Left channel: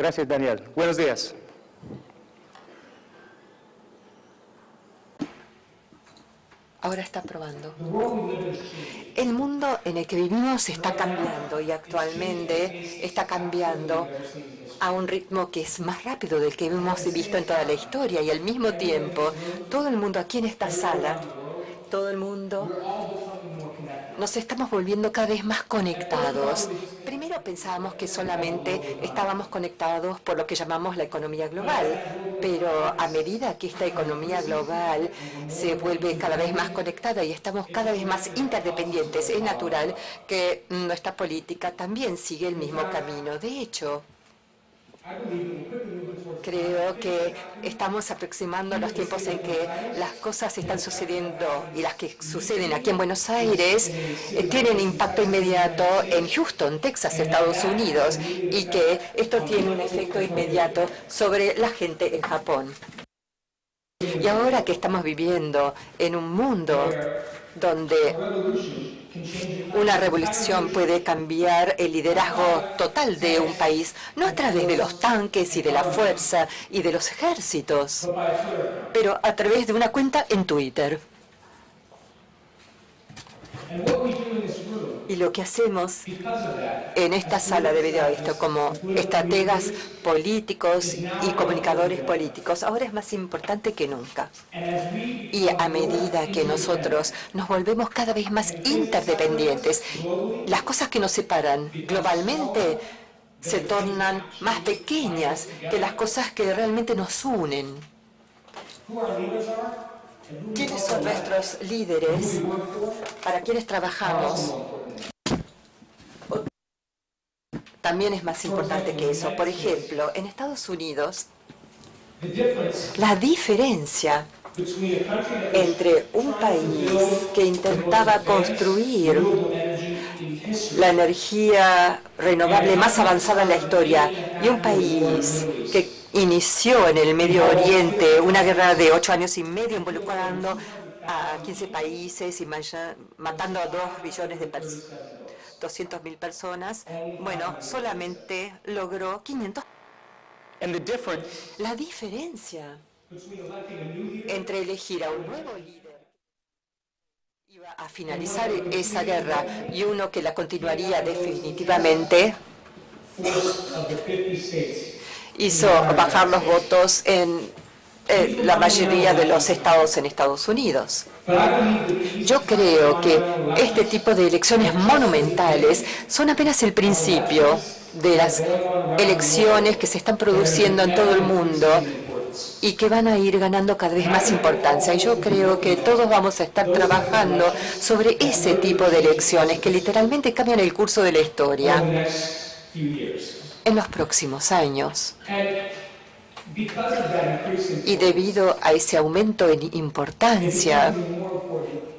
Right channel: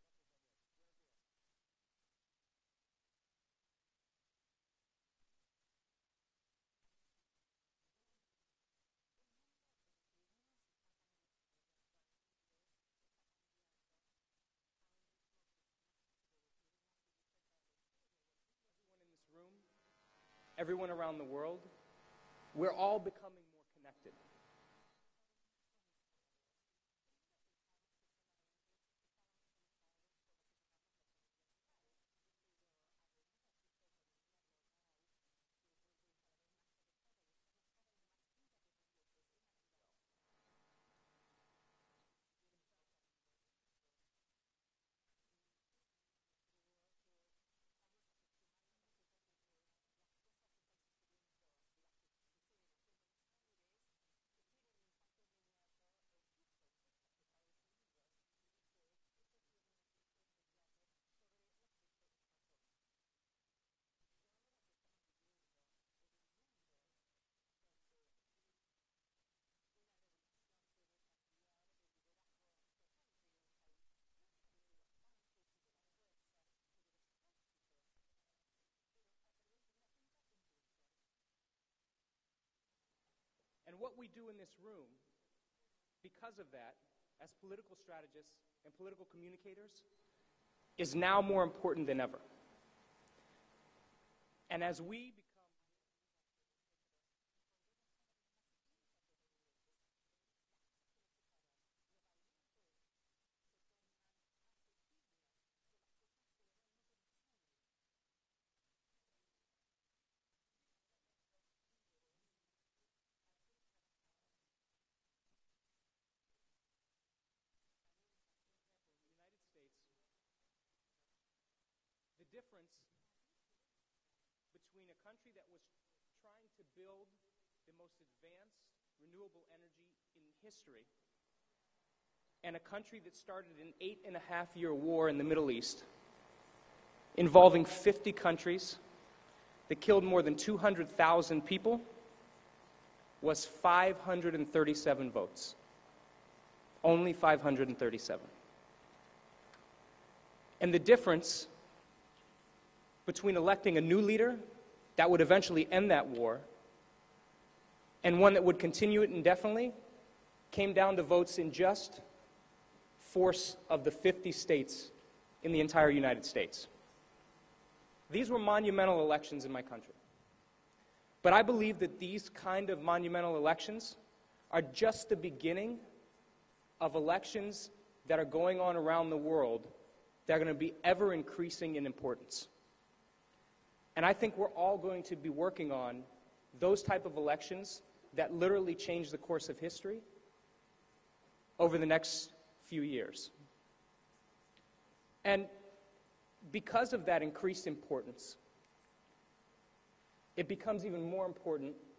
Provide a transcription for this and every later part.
Gracias, Daniel. Buenos días. Ahora está probando. El mundo en el que vivimos está cambiando y actualmente está cambiando a un ritmo que es más rápido del que hemos visto en toda la historia, y al mismo tiempo todo el mundo aquí en esta sala, todo el mundo nos estamos volviendo cada vez más conectados. Primero pensábamos que solamente estábamos conectados por lo que llamamos la economía global, pero a medida que esta economía global se vuelve cada vez más conectada y estamos cada vez más interdependientes, es natural que nuestra política también sigue el mismo camino. De hecho, creo que estamos aproximando los tiempos en que las cosas están sucediendo, y las que suceden aquí en Buenos Aires tienen impacto inmediato en Houston, Texas, Estados Unidos, y que esto tiene un efecto inmediato sobre la gente en Japón. Y ahora que estamos viviendo en un mundo donde una revolución puede cambiar el liderazgo total de un país, no a través de los tanques y de la fuerza y de los ejércitos, pero a través de una cuenta en Twitter. Y lo que hacemos en esta sala de video, esto como estrategas políticos y comunicadores políticos, ahora es más importante que nunca. Y a medida que nosotros nos volvemos cada vez más interdependientes, las cosas que nos separan globalmente se tornan más pequeñas que las cosas que realmente nos unen. ¿Quiénes son nuestros líderes? ¿Para quiénes trabajamos? También es más importante que eso. Por ejemplo, en Estados Unidos, la diferencia entre un país que intentaba construir la energía renovable más avanzada en la historia y un país que inició en el Medio Oriente una guerra de 8 años y medio involucrando a 15 países y matando a 2 billones de personas, 200.000 personas, bueno, solamente logró 500. La diferencia entre elegir a finalizar esa guerra y uno que la continuaría definitivamente hizo bajar los votos en la mayoría de los estados en Estados Unidos. Yo creo que este tipo de elecciones monumentales son apenas el principio de las elecciones que se están produciendo en todo el mundo y que van a ir ganando cada vez más importancia. Y yo creo que todos vamos a estar trabajando sobre ese tipo de elecciones que literalmente cambian el curso de la historia en los próximos años. Y debido a ese aumento en importancia,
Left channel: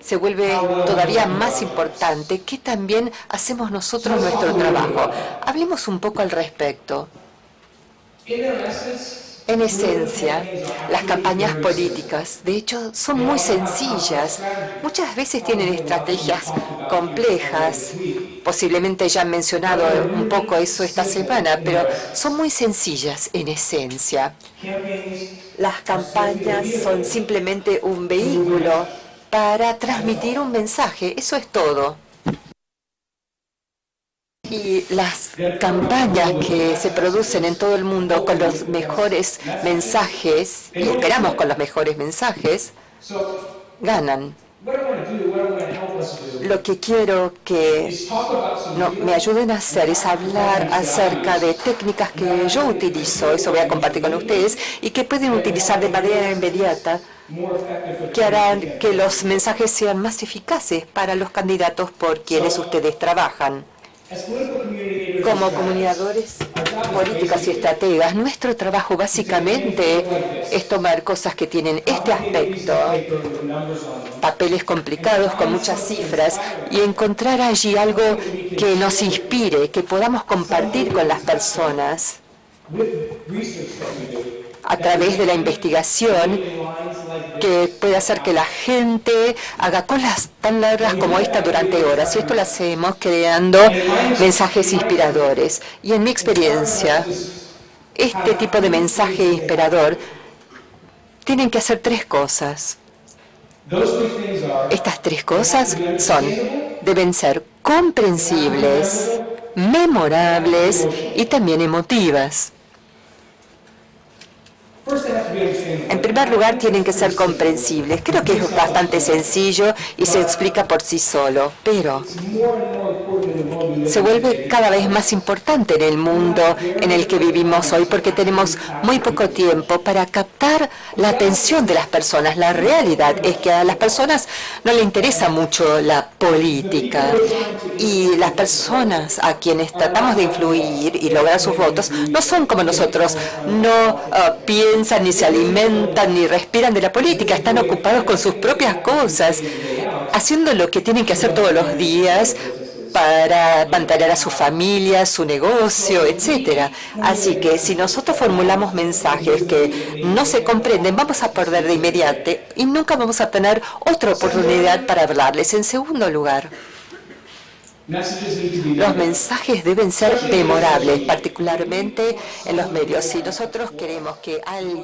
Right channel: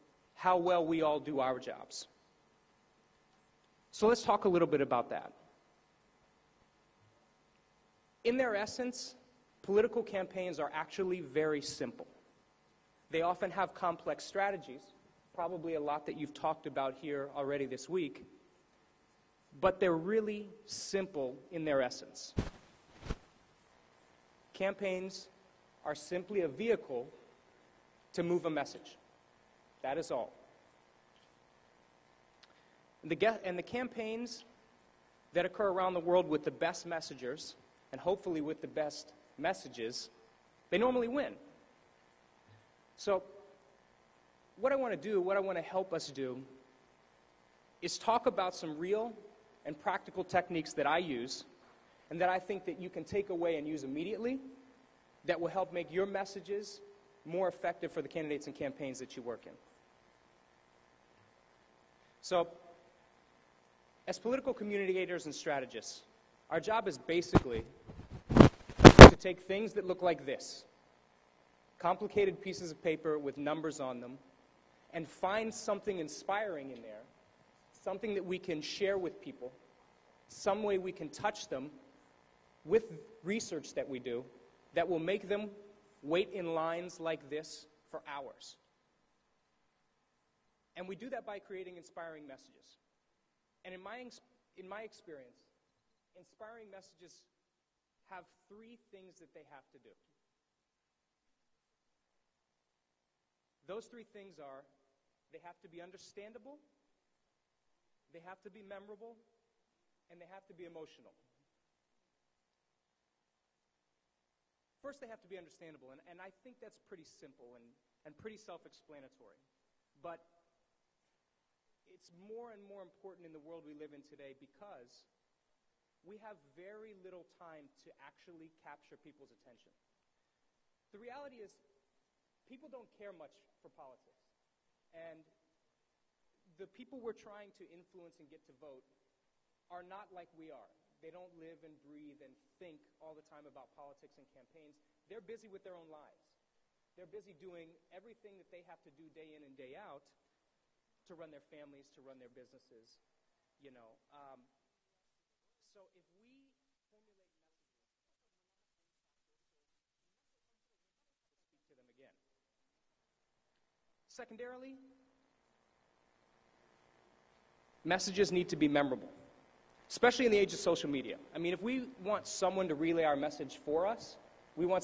se vuelve todavía más importante que también hacemos nosotros nuestro trabajo. Hablemos un poco al respecto. En esencia, las campañas políticas, de hecho, son muy sencillas. Muchas veces tienen estrategias complejas. Posiblemente ya han mencionado un poco eso esta semana, pero son muy sencillas en esencia. Las campañas son simplemente un vehículo para transmitir un mensaje. Eso es todo. Y las campañas que se producen en todo el mundo con los mejores mensajes, y esperamos con los mejores mensajes, ganan. Lo que quiero que me ayuden a hacer es hablar acerca de técnicas que yo utilizo, eso voy a compartir con ustedes, y que pueden utilizar de manera inmediata, que harán que los mensajes sean más eficaces para los candidatos por quienes ustedes trabajan. Como comunicadores políticos y estrategas, nuestro trabajo básicamente es tomar cosas que tienen este aspecto, papeles complicados con muchas cifras, y encontrar allí algo que nos inspire, que podamos compartir con las personas a través de la investigación, que puede hacer que la gente haga colas tan largas como esta durante horas. Y esto lo hacemos creando mensajes inspiradores. Y en mi experiencia, este tipo de mensaje inspirador, tienen que hacer tres cosas. Estas tres cosas deben ser comprensibles, memorables y también emotivas. En primer lugar, tienen que ser comprensibles. Creo que es bastante sencillo y se explica por sí solo, pero se vuelve cada vez más importante en el mundo en el que vivimos hoy porque tenemos muy poco tiempo para captar la atención de las personas. La realidad es que a las personas no les interesa mucho la política y las personas a quienes tratamos de influir y lograr sus votos no son como nosotros, no piensan ni se alimentan ni respiran de la política, están ocupados con sus propias cosas, haciendo lo que tienen que hacer todos los días para mantener a su familia, su negocio, etcétera. Así que si nosotros formulamos mensajes que no se comprenden, vamos a perder de inmediato y nunca vamos a tener otra oportunidad para hablarles. En segundo lugar, los mensajes deben ser memorables, particularmente en los medios. Si nosotros queremos que alguien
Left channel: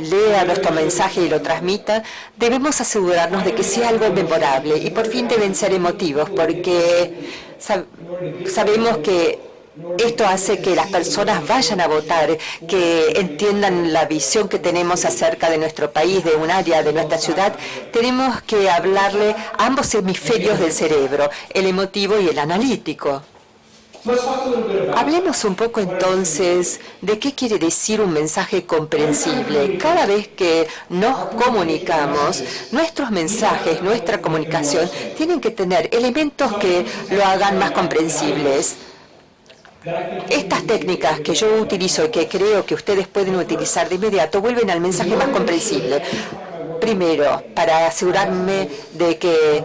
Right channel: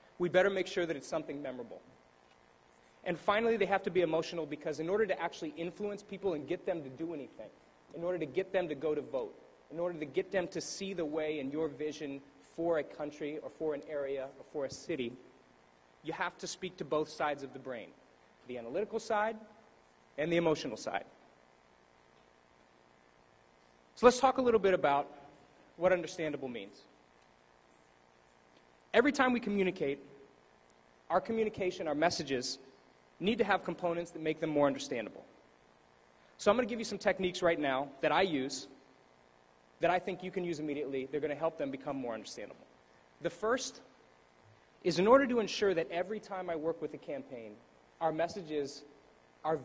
lea nuestro mensaje y lo transmita, debemos asegurarnos de que sea algo memorable y por fin deben ser emotivos, porque sabemos que esto hace que las personas vayan a votar, que entiendan la visión que tenemos acerca de nuestro país, de un área, de nuestra ciudad. Tenemos que hablarle a ambos hemisferios del cerebro, el emotivo y el analítico. Hablemos un poco entonces de qué quiere decir un mensaje comprensible. Cada vez que nos comunicamos, nuestros mensajes, nuestra comunicación, tienen que tener elementos que lo hagan más comprensibles. Estas técnicas que yo utilizo y que creo que ustedes pueden utilizar de inmediato vuelven al mensaje más comprensible. Primero, para asegurarme de que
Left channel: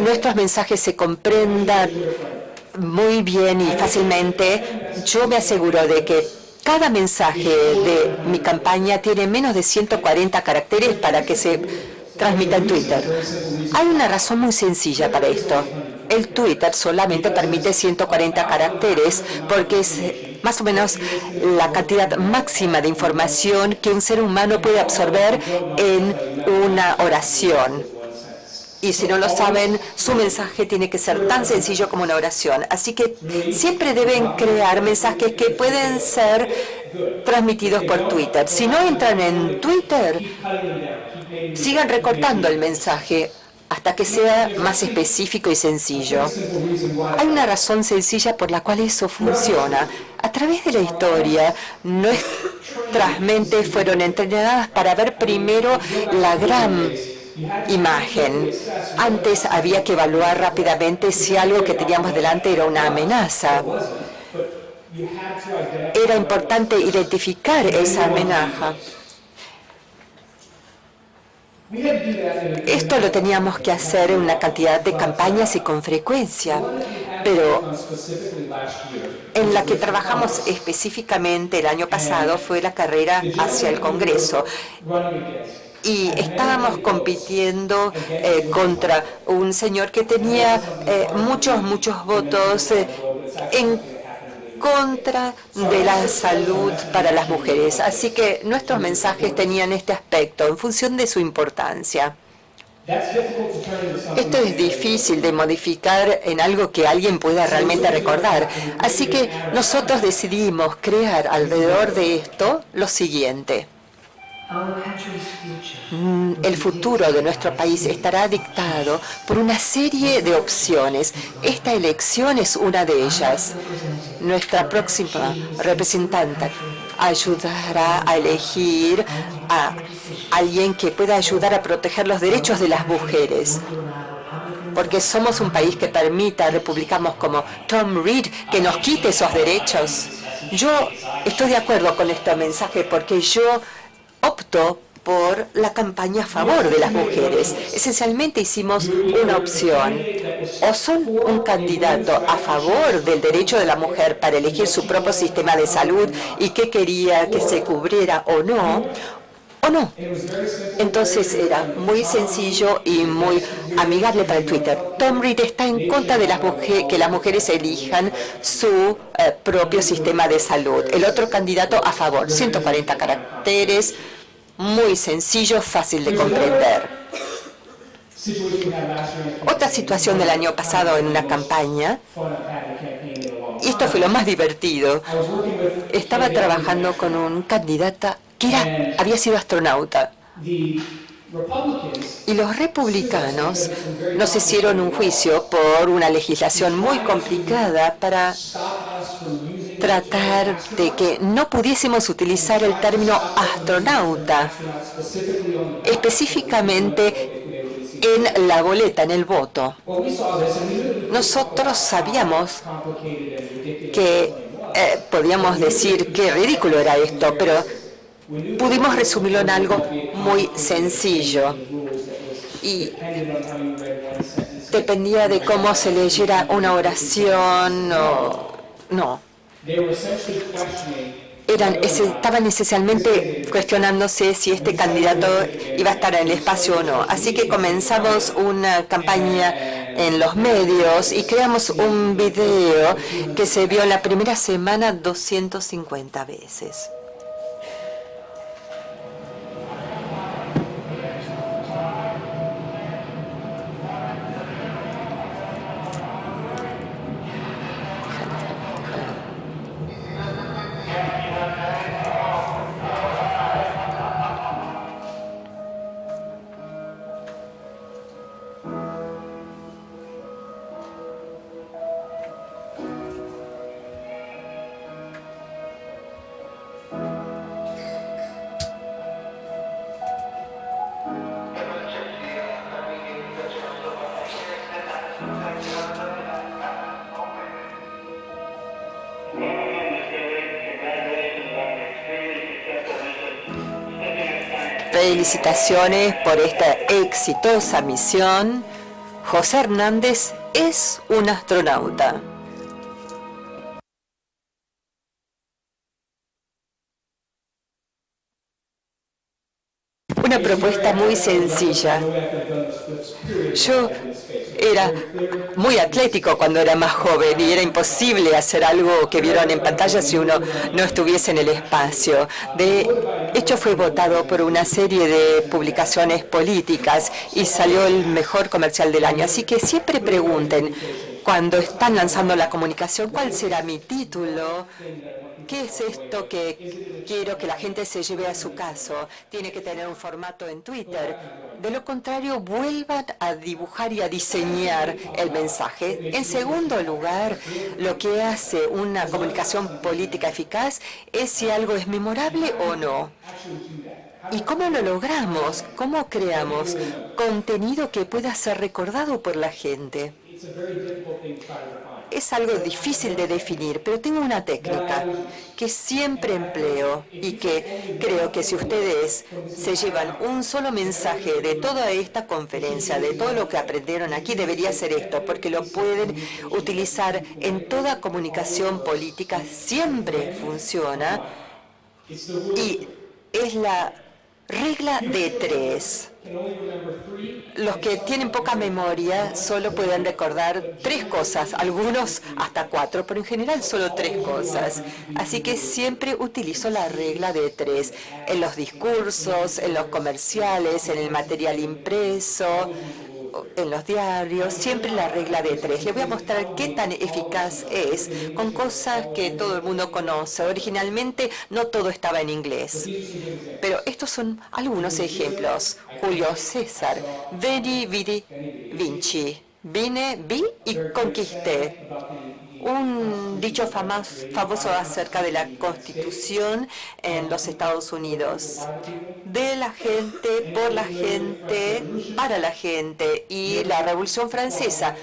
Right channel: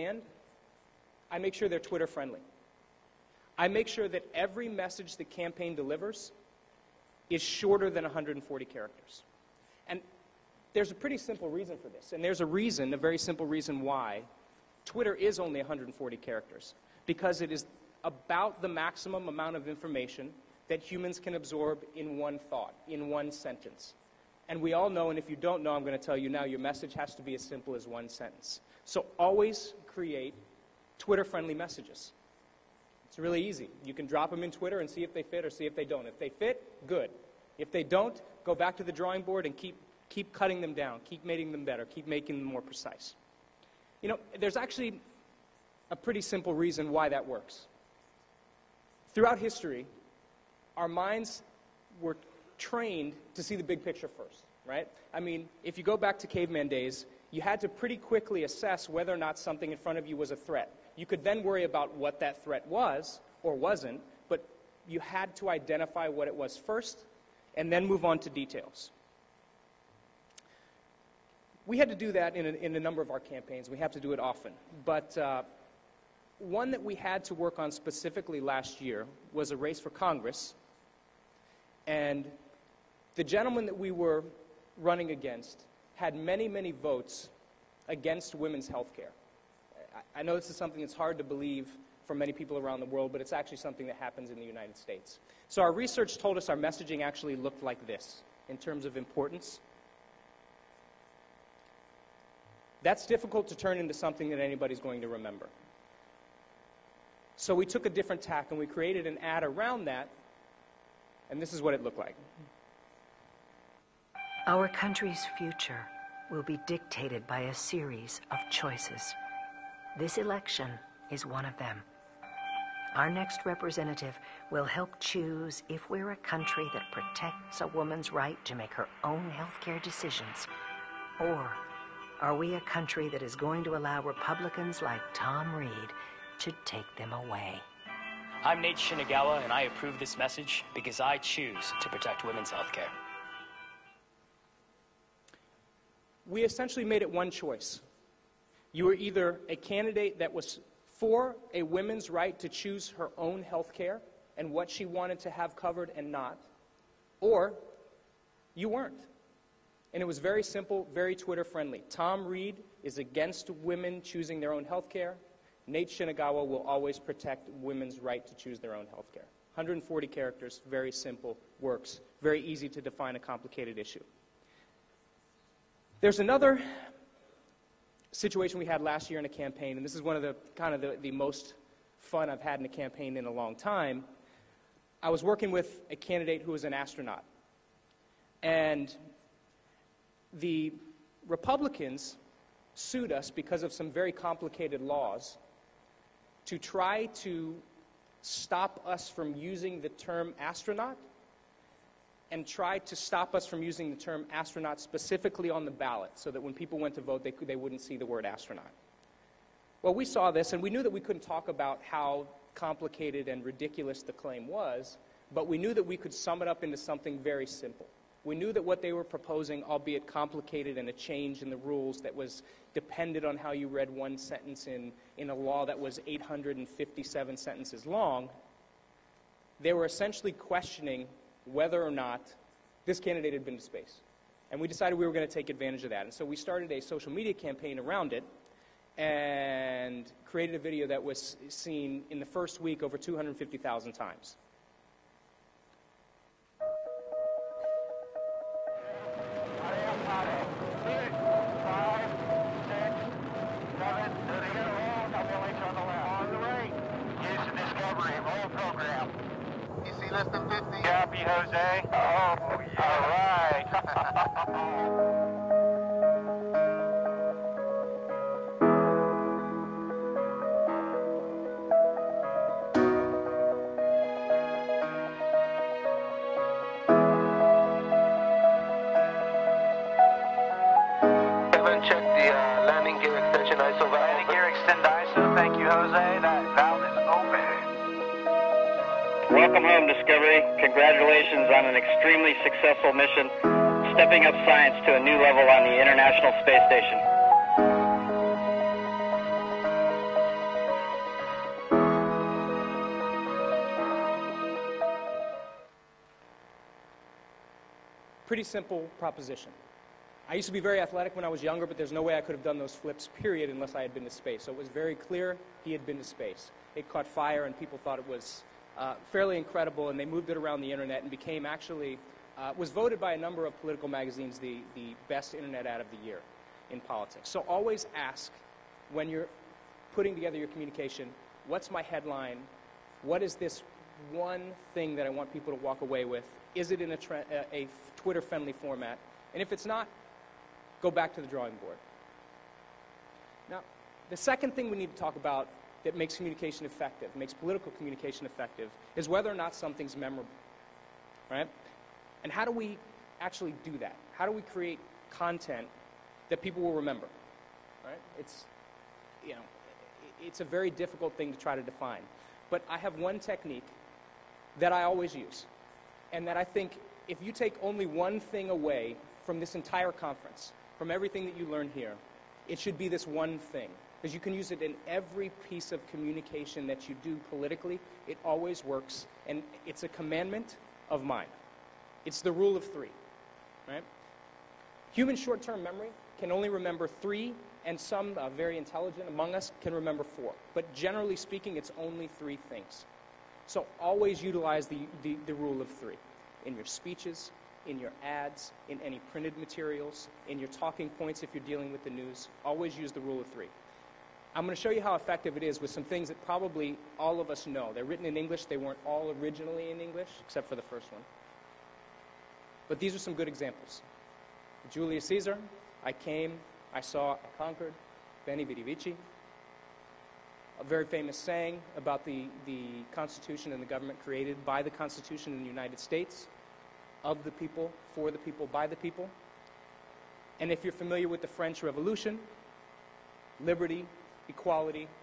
nuestros mensajes se comprendan muy bien y fácilmente, yo me aseguro de que cada mensaje de mi campaña tiene menos de 140 caracteres para que se transmita en Twitter. Hay una razón muy sencilla para esto. El Twitter solamente permite 140 caracteres porque es más o menos la cantidad máxima de información que un ser humano puede absorber en una oración. Y si no lo saben, su mensaje tiene que ser tan sencillo como una oración. Así que siempre deben crear mensajes que pueden ser transmitidos por Twitter. Si no entran en Twitter, sigan recortando el mensaje hasta que sea más específico y sencillo. Hay una razón sencilla por la cual eso funciona. A través de la historia, nuestras mentes fueron entrenadas para ver primero la gran imagen. Antes había que evaluar rápidamente si algo que teníamos delante era una amenaza. Era importante identificar esa amenaza. Esto lo teníamos que hacer en una cantidad de campañas y con frecuencia, pero en la que trabajamos específicamente el año pasado fue la carrera hacia el Congreso. Y estábamos compitiendo contra un señor que tenía muchos votos en contra de la salud para las mujeres. Así que nuestros mensajes tenían este aspecto en función de su importancia. Esto es difícil de modificar en algo que alguien pueda realmente recordar. Así que nosotros decidimos crear alrededor de esto lo siguiente. El futuro de nuestro país estará dictado por una serie de opciones. Esta elección es una de ellas. Nuestra próxima representante ayudará a elegir a alguien que pueda ayudar a proteger los derechos de las mujeres. Porque somos un país que permita a republicanos como Tom Reed que nos quite esos derechos. Yo estoy de acuerdo con este mensaje porque yo opto por la campaña a favor de las mujeres. Esencialmente hicimos una opción. O son un candidato a favor del derecho de la mujer para elegir su propio sistema de salud y qué quería que se cubriera o no, o no. Entonces era muy sencillo y muy amigable para el Twitter. Tom Reed está en contra de que las mujeres elijan su propio sistema de salud. El otro candidato a favor, 140 caracteres, muy sencillo, fácil de comprender. Otra situación del año pasado en una campaña, y esto fue lo más divertido, estaba trabajando con un candidato que había sido astronauta. Y los republicanos nos hicieron un juicio por una legislación muy complicada para tratar de que no pudiésemos utilizar el término astronauta, específicamente en la boleta, en el voto. Nosotros sabíamos que podíamos decir qué ridículo era esto, pero pudimos resumirlo en algo muy sencillo. Y dependía de cómo se leyera una oración o no. Estaban esencialmente cuestionándose si este candidato iba a estar en el espacio o no. Así que comenzamos una campaña en los medios y creamos un video que se vio en la primera semana 250 veces. Felicitaciones por esta exitosa misión. José Hernández es un astronauta. Una propuesta muy sencilla. Yo era muy atlético cuando era más joven y era imposible hacer algo que vieron en pantalla si uno no estuviese en el espacio. De hecho, fue votado por una serie de publicaciones políticas y salió el mejor comercial del año. Así que siempre pregunten, cuando están lanzando la comunicación, ¿cuál será mi título? ¿Qué es esto que quiero que la gente se lleve a su caso? Tiene que tener un formato en Twitter. De lo contrario, vuelvan a dibujar y a diseñar el mensaje. En segundo lugar, lo que hace una comunicación política eficaz es si algo es memorable o no. ¿Y cómo lo logramos? ¿Cómo creamos contenido que pueda ser recordado por la gente? Es algo difícil de definir, pero tengo una técnica que siempre empleo y que creo que si ustedes se llevan un solo mensaje de toda esta conferencia, de todo lo que aprendieron aquí, debería ser esto, porque lo pueden utilizar en toda comunicación política, siempre funciona, y es la regla de 3. Los que tienen poca memoria solo pueden recordar 3 cosas, algunos hasta 4, pero en general solo 3 cosas. Así que siempre utilizo la regla de 3 en los discursos, en los comerciales, en el material impreso, en los diarios, siempre la regla de 3. Les voy a mostrar qué tan eficaz es con cosas que todo el mundo conoce. Originalmente no todo estaba en inglés, pero estos son algunos ejemplos. Julio César, Veni, Vidi, Vinci. Vine, vi y conquisté. Un dicho famoso acerca de la Constitución en los Estados Unidos. De la gente, por la gente, para la gente. Y la Revolución Francesa.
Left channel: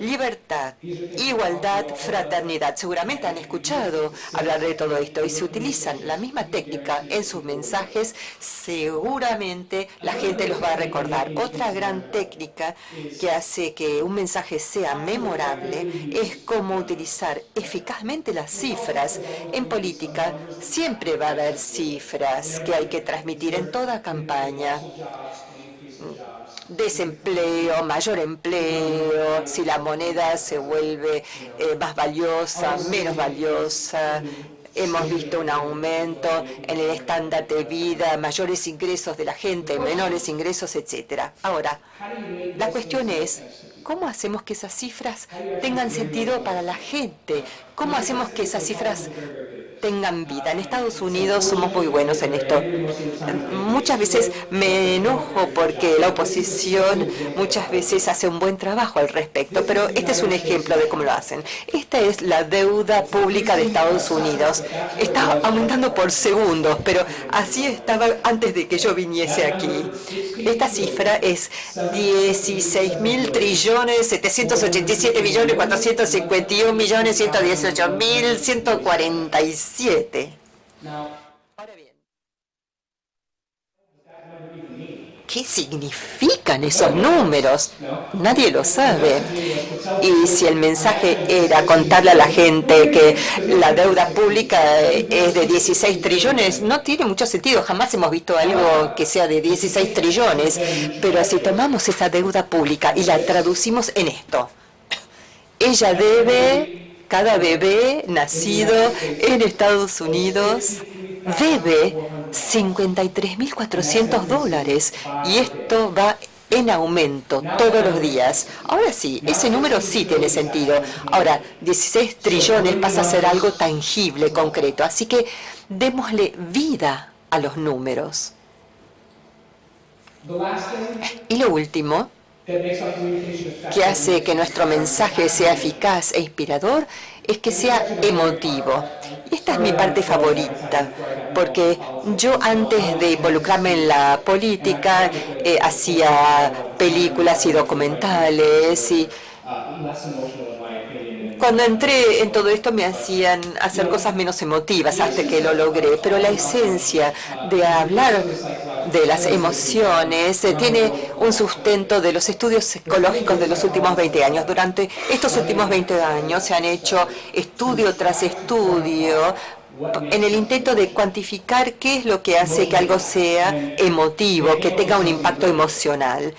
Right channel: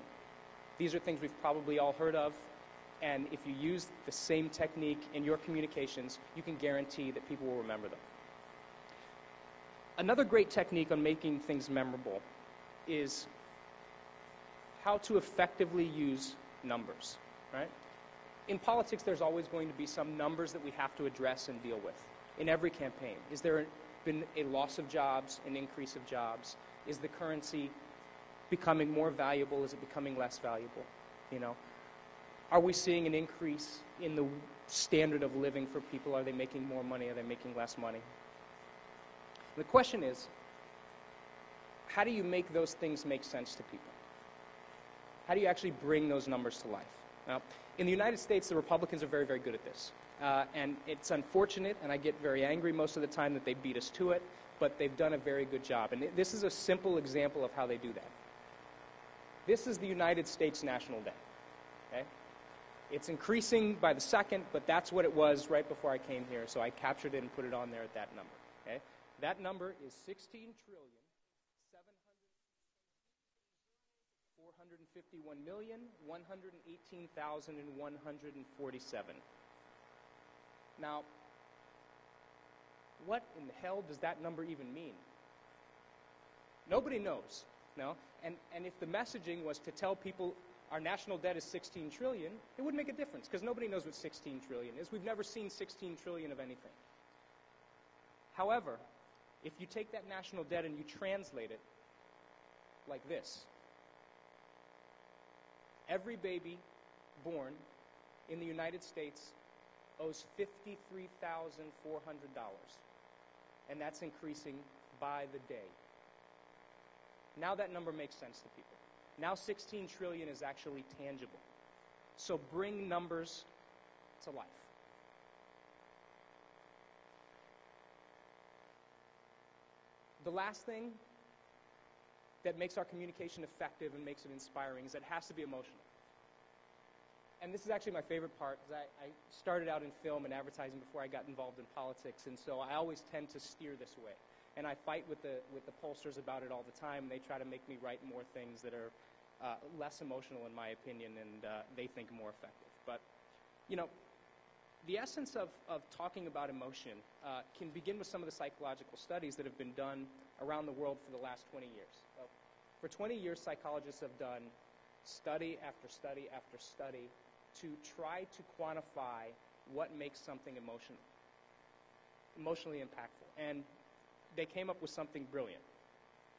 Libertad, igualdad, fraternidad. Seguramente han escuchado hablar de todo esto. Y si utilizan la misma técnica en sus mensajes, seguramente la gente los va a recordar. Otra gran técnica que hace que un mensaje sea memorable es cómo utilizar eficazmente las cifras. En política siempre va a haber cifras que hay que transmitir repetir en toda campaña. Desempleo, mayor empleo, si la moneda se vuelve más valiosa, menos valiosa. Hemos visto un aumento en el estándar de vida, mayores ingresos de la gente, menores ingresos, etc. Ahora, la cuestión es, ¿cómo hacemos que esas cifras tengan sentido para la gente? ¿Cómo hacemos que esas cifras tengan vida? En Estados Unidos somos muy buenos en esto. Muchas veces me enojo porque la oposición muchas veces hace un buen trabajo al respecto, pero este es un ejemplo de cómo lo hacen. Esta es la deuda pública de Estados Unidos. Está aumentando por segundos, pero así estaba antes de que yo viniese aquí. Esta cifra es 16.000.787.451.118.147. Ahora bien, ¿qué significan esos números? Nadie lo sabe. Y si el mensaje era contarle a la gente que la deuda pública es de 16 trillones, no tiene mucho sentido. Jamás hemos visto algo que sea de 16 trillones. Pero si tomamos esa deuda pública y la traducimos en esto, ella debe, cada bebé nacido en Estados Unidos debe $53.400 y esto va en aumento todos los días. Ahora sí, ese número sí tiene sentido. Ahora, 16 trillones pasa a ser algo tangible, concreto. Así que démosle vida a los números. Y lo último que hace que nuestro mensaje sea eficaz e inspirador es que sea emotivo. Y esta es mi parte favorita, porque yo antes de involucrarme en la política hacía películas y documentales y cuando entré en todo esto me hacían hacer cosas menos emotivas hasta que lo logré, pero la esencia de hablar de las emociones tiene un sustento de los estudios psicológicos de los últimos 20 años. Durante estos últimos 20 años se han hecho estudio tras estudio en el intento de cuantificar qué es lo que hace que algo sea emotivo, que tenga un impacto emocional.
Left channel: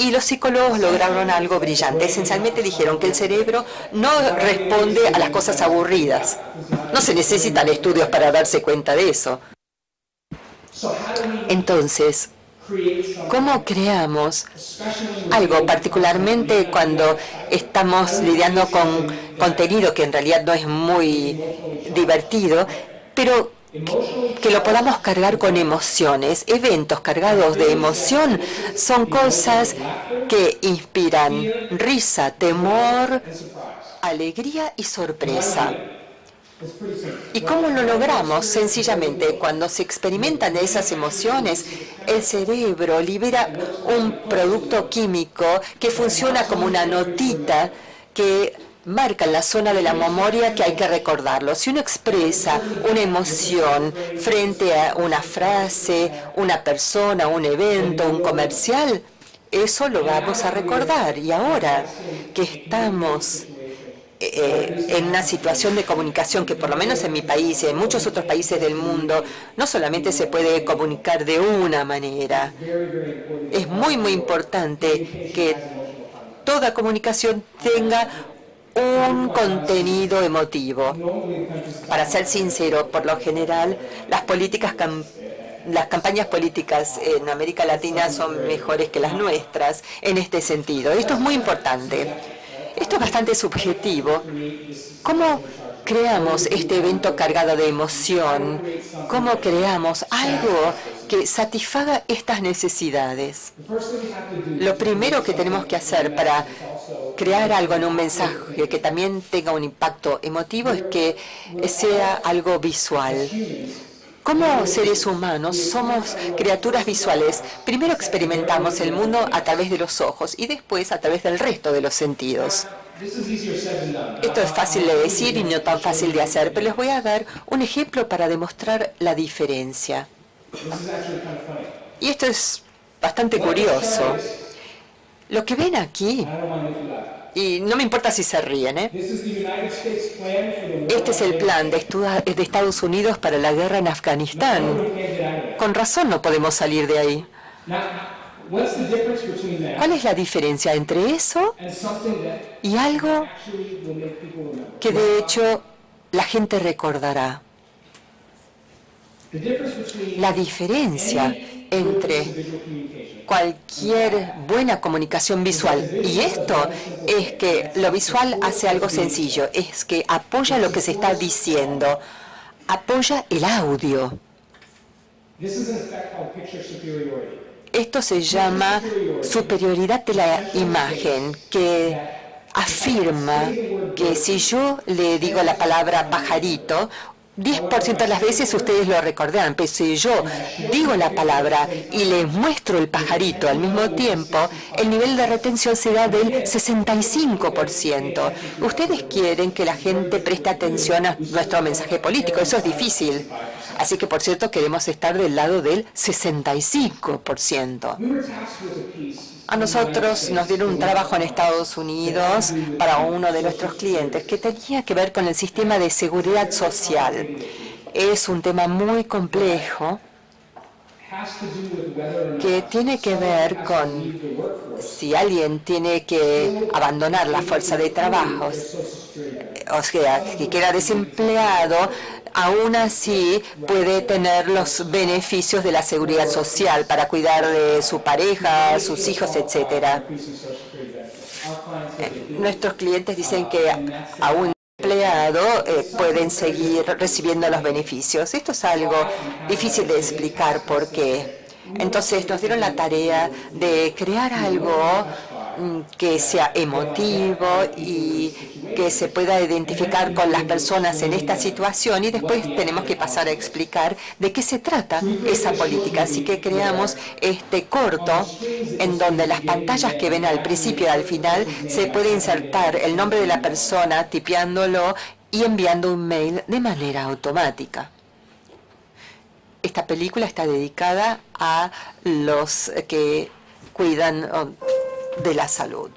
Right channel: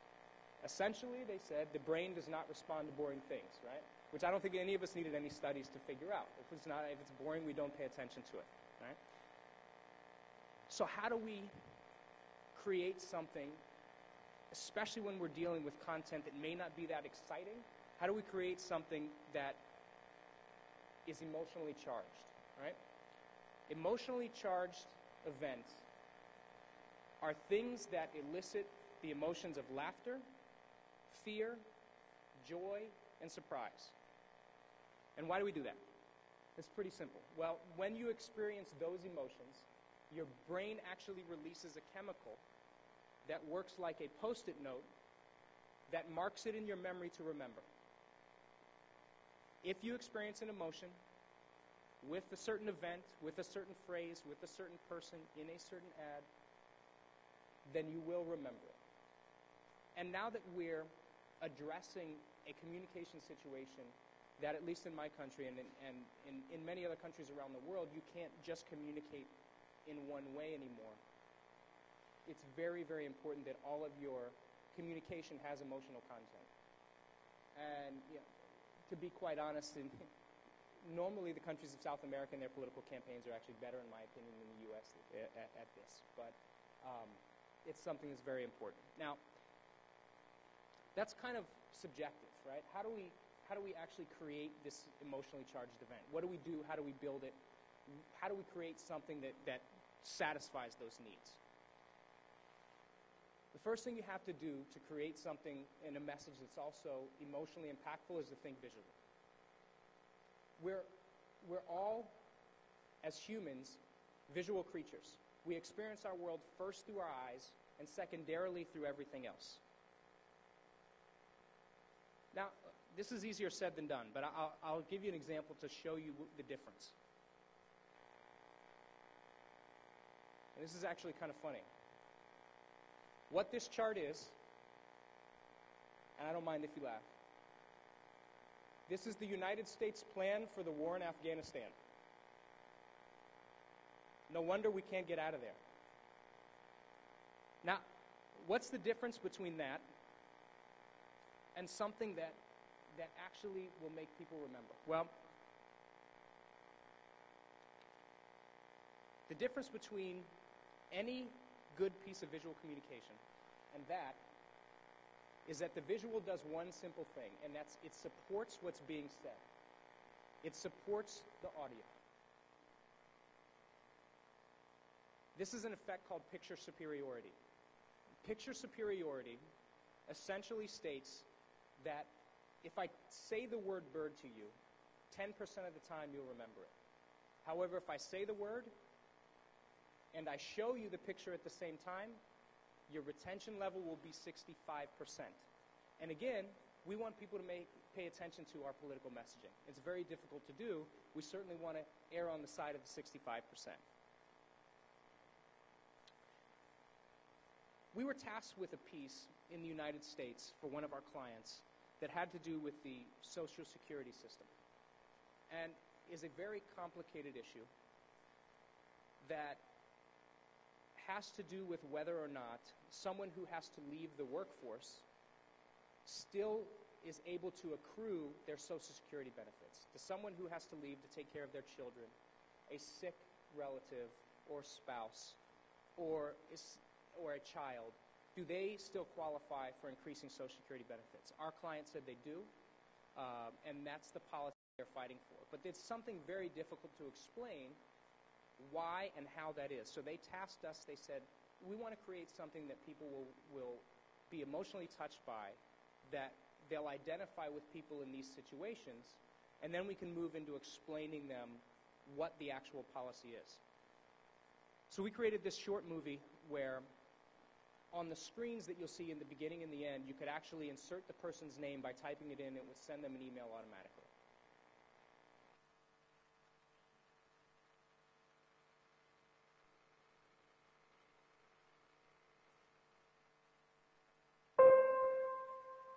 Y los psicólogos lograron algo brillante. Esencialmente dijeron que el cerebro no responde a las cosas aburridas. No se necesitan estudios para darse cuenta de eso. Entonces, ¿cómo creamos algo, particularmente cuando estamos lidiando con contenido que en realidad no es muy divertido, pero que lo podamos cargar con emociones? Eventos cargados de emoción son cosas que inspiran risa, temor, alegría y sorpresa. ¿Y cómo lo logramos? Sencillamente, cuando se experimentan esas emociones, el cerebro libera un producto químico que funciona como una notita que marca en la zona de la memoria que hay que recordarlo. Si uno expresa una emoción frente a una frase, una persona, un evento, un comercial, eso lo vamos a recordar. Y ahora que estamos en una situación de comunicación que por lo menos en mi país y en muchos otros países del mundo no solamente se puede comunicar de una manera, es muy importante que toda comunicación tenga un contenido emotivo. Para ser sincero, por lo general, las campañas políticas en América Latina son mejores que las nuestras en este sentido. Esto es muy importante. Esto es bastante subjetivo. ¿Cómo creamos este evento cargado de emoción? ¿Cómo creamos algo que satisfaga estas necesidades? Lo primero que tenemos que hacer para crear algo en un mensaje que también tenga un impacto emotivo es que sea algo visual. Como seres humanos somos criaturas visuales. Primero experimentamos el mundo a través de los ojos y después a través del resto de los sentidos. Esto es fácil de decir y no tan fácil de hacer, pero les voy a dar un ejemplo para demostrar la diferencia. Y esto es bastante curioso. Lo que ven aquí Y no me importa si se ríen, ¿eh? Este es el plan de Estados Unidos para la guerra en Afganistán. Con razón no podemos salir de ahí. ¿Cuál es la diferencia entre eso y algo que de hecho la gente recordará? La diferencia entre cualquier buena comunicación visual y esto es que lo visual hace algo sencillo, es que apoya lo que se está diciendo, apoya el audio. Esto se llama superioridad de la imagen, que afirma que si yo le digo la palabra pajarito, 10% de las veces ustedes lo recordarán, pero si yo digo la palabra y les muestro el pajarito al mismo tiempo, el nivel de retención será del 65%. Ustedes quieren que la gente preste atención a nuestro mensaje político, eso es difícil. Así que, por cierto, queremos estar del lado del 65%. A nosotros nos dieron un trabajo en Estados Unidos para uno de nuestros clientes que tenía que ver con el sistema de seguridad social. Es un tema muy complejo que tiene que ver con si alguien tiene que abandonar la fuerza de trabajo, o sea, que queda desempleado, aún así puede tener los beneficios de la seguridad social para cuidar de su pareja, sus hijos, etcétera. Nuestros clientes dicen que aún empleado pueden seguir recibiendo los beneficios. Esto es algo difícil de explicar por qué. Entonces nos dieron la tarea de crear algo que sea emotivo y que se pueda identificar con las personas en esta situación, y después tenemos que pasar a explicar de qué se trata esa política. Así que creamos este corto en donde las pantallas que ven al principio y al final se puede insertar el nombre de la persona tipeándolo y enviando un mail de manera automática. Esta película está dedicada a los que cuidan de la salud.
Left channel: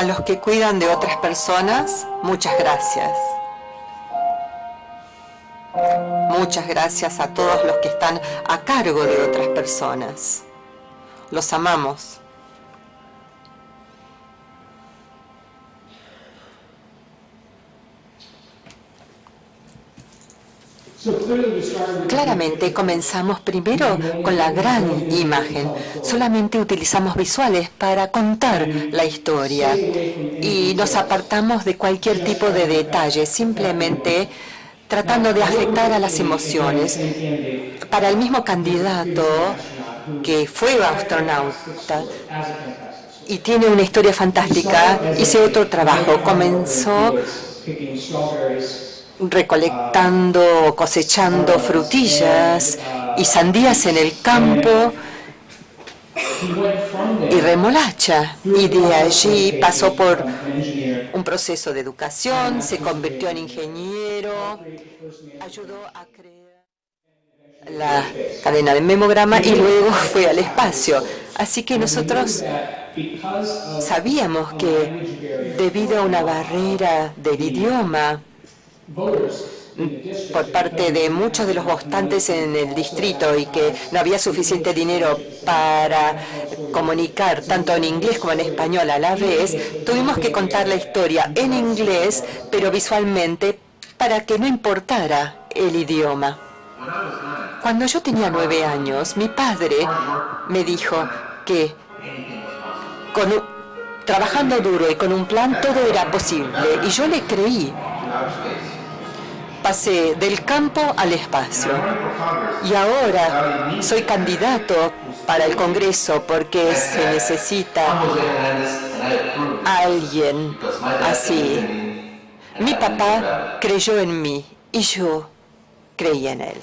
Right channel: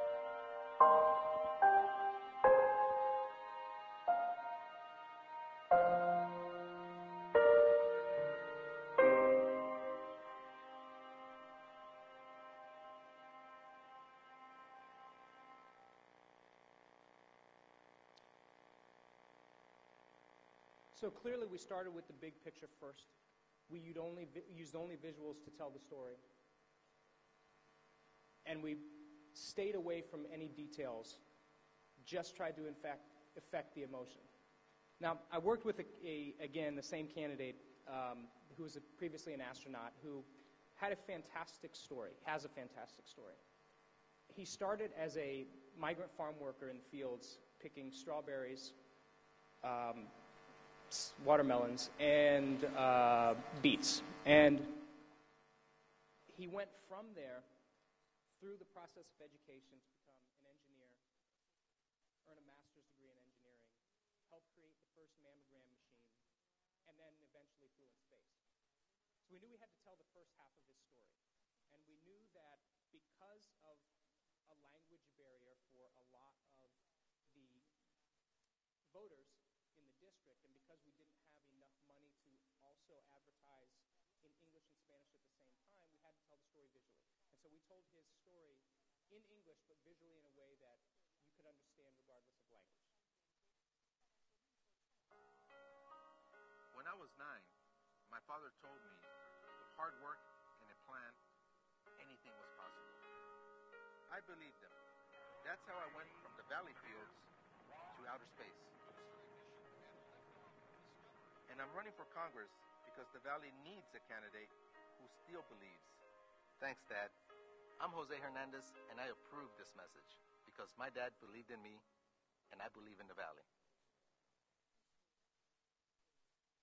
A los que cuidan de otras personas, muchas gracias. Muchas gracias a todos los que están a cargo de otras personas. Los amamos. Claramente comenzamos primero con la gran imagen. Solamente utilizamos visuales para contar la historia y nos apartamos de cualquier tipo de detalle, simplemente tratando de afectar a las emociones. Para el mismo candidato que fue astronauta y tiene una historia fantástica, hice otro trabajo. Comenzó recolectando, cosechando frutillas y sandías en el campo y remolacha. Y de allí pasó por un proceso de educación, se convirtió en ingeniero, ayudó a crear la cadena de memograma y luego fue al espacio. Así que nosotros sabíamos que debido a una barrera del idioma, por parte de muchos de los votantes en el distrito y que no había suficiente dinero para comunicar tanto en inglés como en español a la vez, tuvimos que contar la historia en inglés, pero visualmente, para que no importara el idioma. Cuando yo tenía 9 años, mi padre me dijo que trabajando duro y con un plan todo era posible, y yo le creí. Pasé del campo al espacio y ahora soy candidato para el Congreso porque se necesita alguien así. Mi papá creyó en mí y yo creí en él.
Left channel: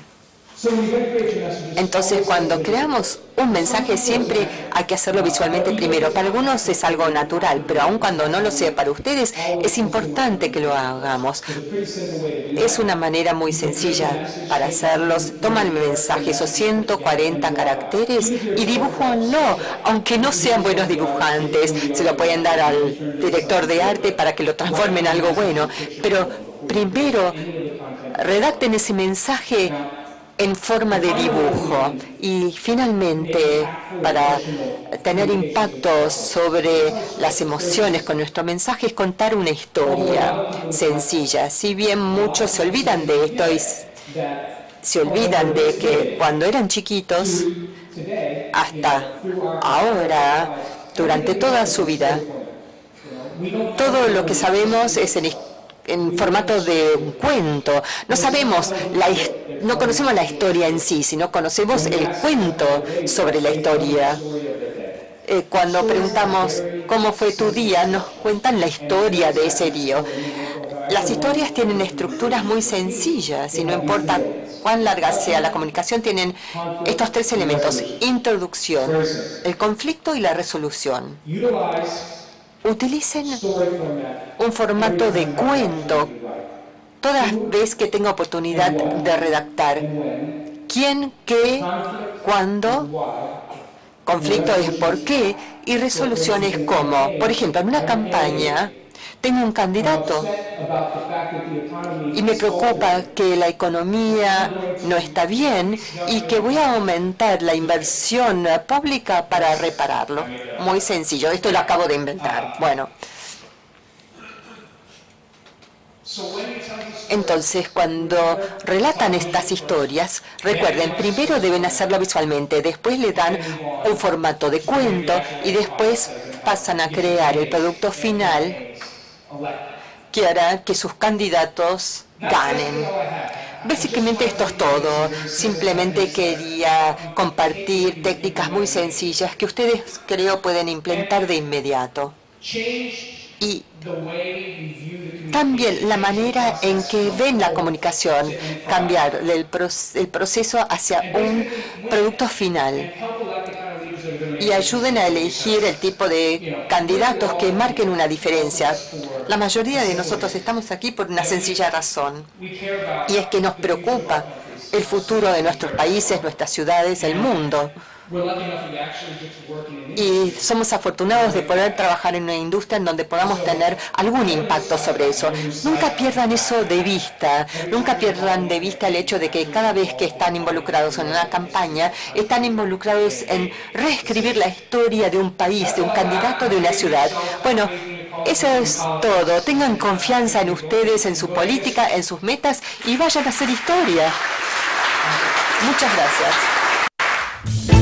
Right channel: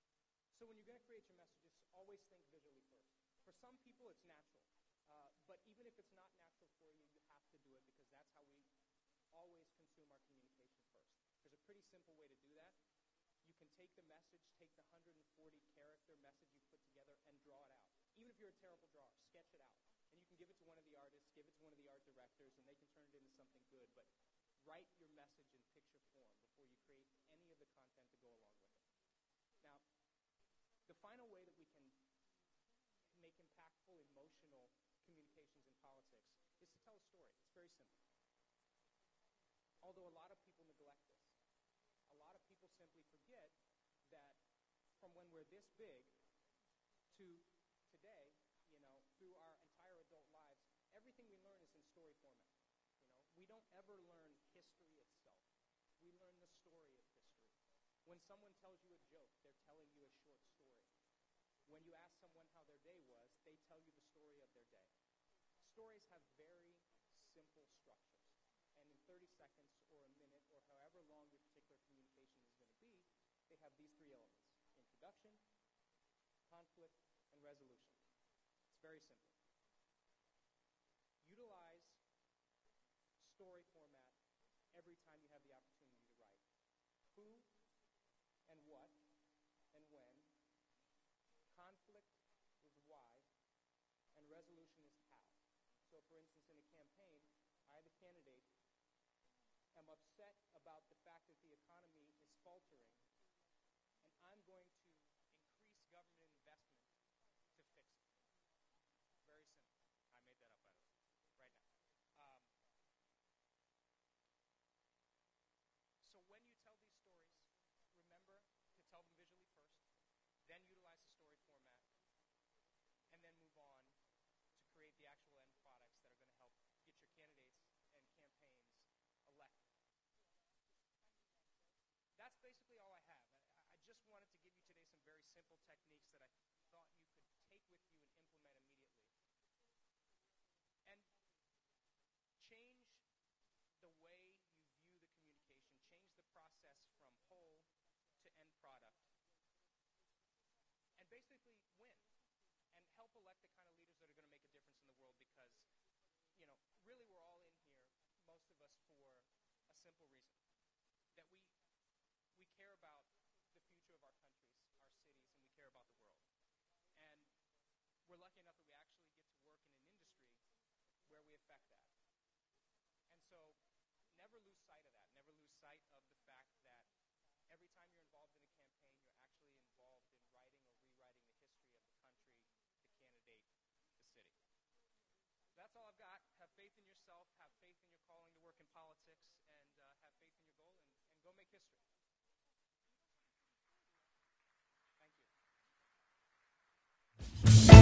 Entonces, cuando creamos un mensaje, siempre hay que hacerlo visualmente primero. Para algunos es algo natural, pero aun cuando no lo sea para ustedes, es importante que lo hagamos. Es una manera muy sencilla para hacerlos. Toman el mensaje, esos 140 caracteres, y dibújanlo, aunque no sean buenos dibujantes. Se lo pueden dar al director de arte para que lo transforme en algo bueno. Pero primero, redacten ese mensaje en forma de dibujo. Y finalmente, para tener impacto sobre las emociones con nuestro mensaje, es contar una historia sencilla. Si bien muchos se olvidan de esto y se olvidan de que cuando eran chiquitos, hasta ahora, durante toda su vida, todo lo que sabemos es en formato de un cuento. No conocemos la historia en sí, sino conocemos el cuento sobre la historia. Cuando preguntamos cómo fue tu día, nos cuentan la historia de ese día. Las historias tienen estructuras muy sencillas y no importa cuán larga sea la comunicación, tienen estos 3 elementos: introducción, el conflicto y la resolución. Utilicen un formato de cuento toda vez que tenga oportunidad de redactar. ¿Quién, qué, cuándo? Conflicto es por qué y resolución es cómo. Por ejemplo, en una campaña tengo un candidato y me preocupa que la economía no está bien y que voy a aumentar la inversión pública para repararlo. Muy sencillo, esto lo acabo de inventar. Bueno. Entonces, cuando relatan estas historias, recuerden, primero deben hacerlo visualmente, después le dan un formato de cuento y después pasan a crear el producto final que hará que sus candidatos ganen. Básicamente esto es todo. Simplemente quería compartir técnicas muy sencillas que ustedes creo pueden implementar de inmediato. Y también la manera en que ven la comunicación, cambiar el proceso hacia un producto final. Y ayuden a elegir el tipo de candidatos que marquen una diferencia. La mayoría de nosotros estamos aquí por una sencilla razón, y es que nos preocupa el futuro de nuestros países, nuestras ciudades, el mundo. Y somos afortunados de poder trabajar en una industria en donde podamos tener algún impacto sobre eso. Nunca pierdan eso de vista, nunca pierdan de vista el hecho de que cada vez que están involucrados en una campaña, están involucrados en reescribir la historia de un país, de un candidato, de una ciudad. Bueno, eso es todo. Tengan confianza en ustedes, en su política, en sus metas y vayan a hacer historia. Muchas gracias.